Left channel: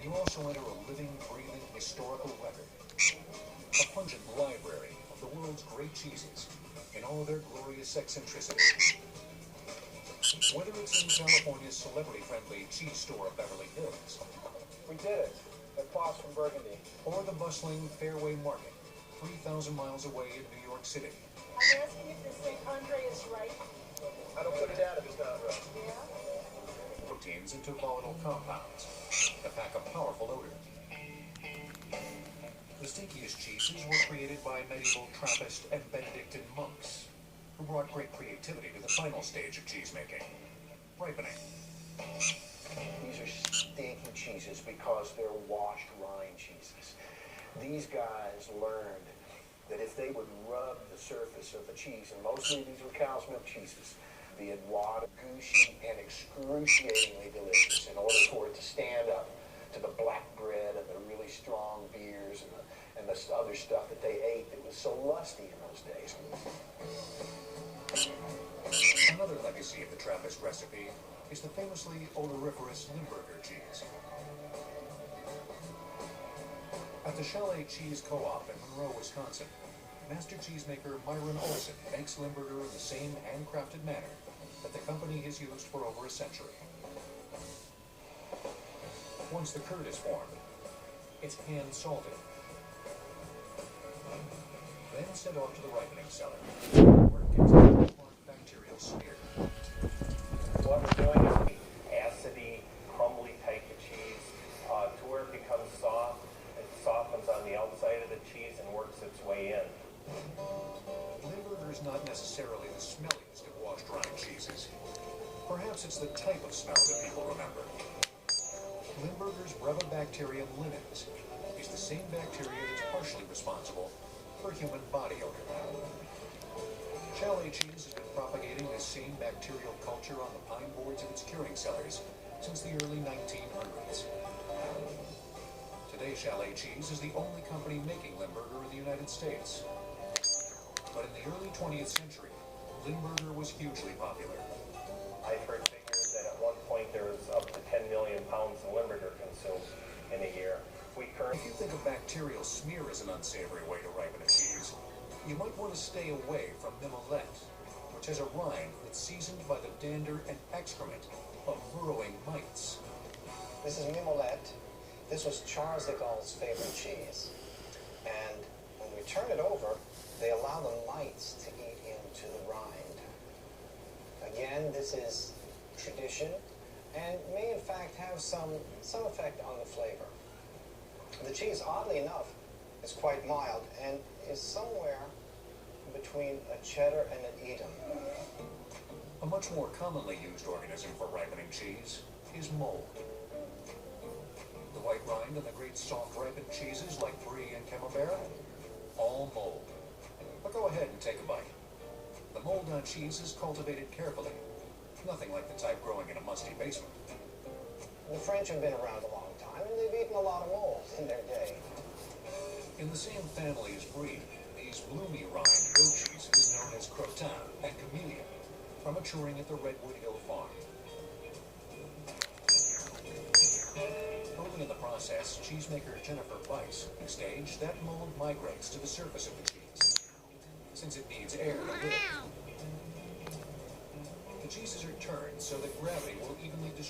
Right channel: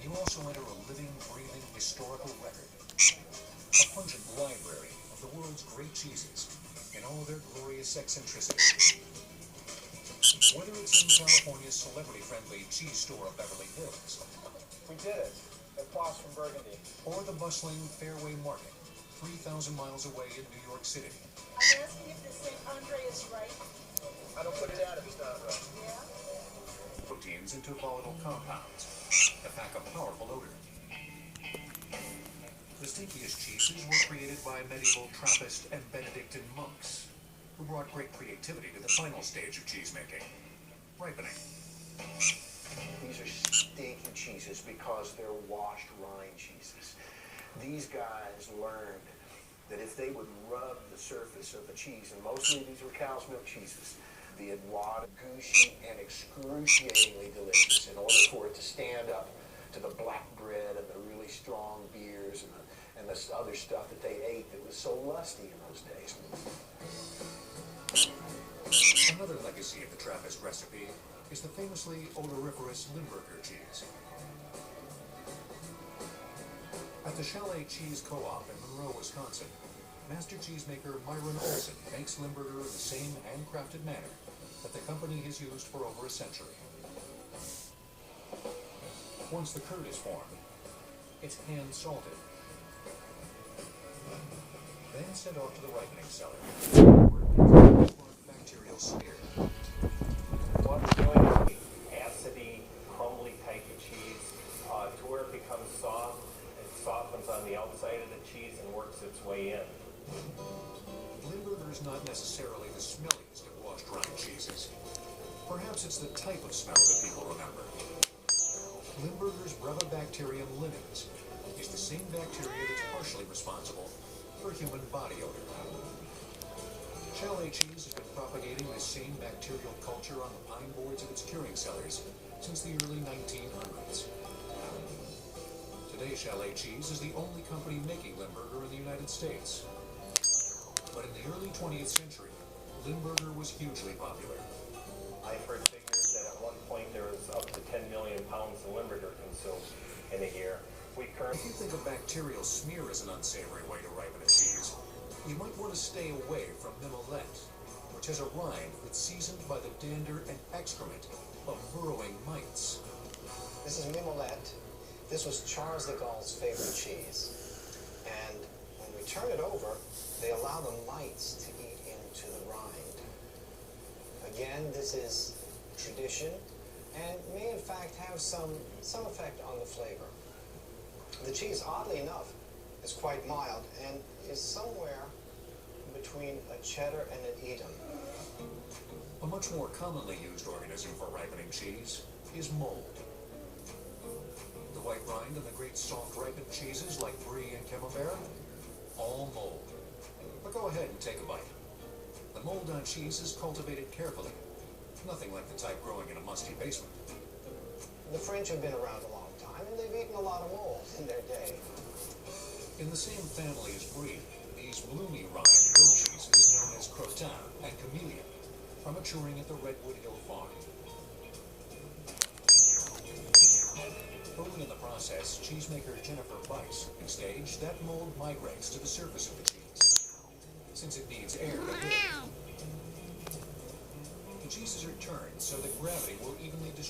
and you also enter a living, breathing, historical record. A pungent library of the world's great cheeses in all their glorious eccentricity. Whether it's in California's celebrity-friendly cheese store of Beverly Hills, we did it, across from Burgundy, or the bustling Fairway Market, 3,000 miles away in New York City. I'm asking if this thing Andre is right. I don't put it out if it's not right. Yeah? Proteins into volatile compounds that pack a powerful odor. The stinkiest cheeses were created by medieval Trappist and Benedictine monks, who brought great creativity to the final stage of cheese making, ripening. These are stinky cheeses because they're washed rind cheeses. These guys learned that if they would rub the surface of the cheese, and mostly these were cow's milk cheeses, be it water, gushy, and excruciatingly delicious in order for it to stand up to the black bread and the really strong beers and the other stuff that they ate that was so lusty in those days. Another legacy of the Trappist recipe is the famously odoriferous Limburger cheese. At the Chalet Cheese Co-op in Monroe, Wisconsin, master cheesemaker Myron Olson makes Limburger in the same handcrafted manner that the company has used for over a century. Once the curd is formed, it's hand salted, then sent off to the ripening cellar, where it gets a benchmark bacterial smear. What we're doing is we acidy, crumbly type of cheese to where it becomes soft. It softens on the outside of the cheese and works its way in. Limburger is not necessarily the smelliest of washed rind cheeses. Perhaps it's the type of smell that people remember. Limburger's Brevibacterium linens is the same bacteria that's partially responsible for human body odor. Chalet cheese has been propagating this same bacterial culture on the pine boards of its curing cellars since the early 1900s. Today, Chalet cheese is the only company making Limburger in the United States. But in the early 20th century, Limburger was hugely popular. I've heard figures that at one point there was up to 10 million pounds of Limburger consumed in a year. If you think a bacterial smear is an unsavory way to ripen a cheese, you might want to stay away from mimolette, which has a rind that's seasoned by the dander and excrement of burrowing mites. This is mimolette. This was Charles de Gaulle's favorite cheese. And when you turn it over, they allow the mites to eat into the rind. Again, this is tradition and may in fact have some effect on the flavor. The cheese, oddly enough, is quite mild and is somewhere between a cheddar and an Edam. A much more commonly used organism for ripening cheese is mold. The white rind and the great soft ripened cheeses like Brie and Camembert, all mold. But go ahead and take a bite. The mold on cheese is cultivated carefully, nothing like the type growing in a musty basement. The French have been around a long time, and they've eaten a lot of mold in their day. In the same family as Brie, these bloomy rind goat cheeses known as Crottin and Camellia are maturing at the Redwood Hill Farm. Early in the process, cheesemaker Jennifer Weiss staged that mold migrates to the surface of the cheese, since it needs air to live. The cheeses are turned so that gravity will evenly distribute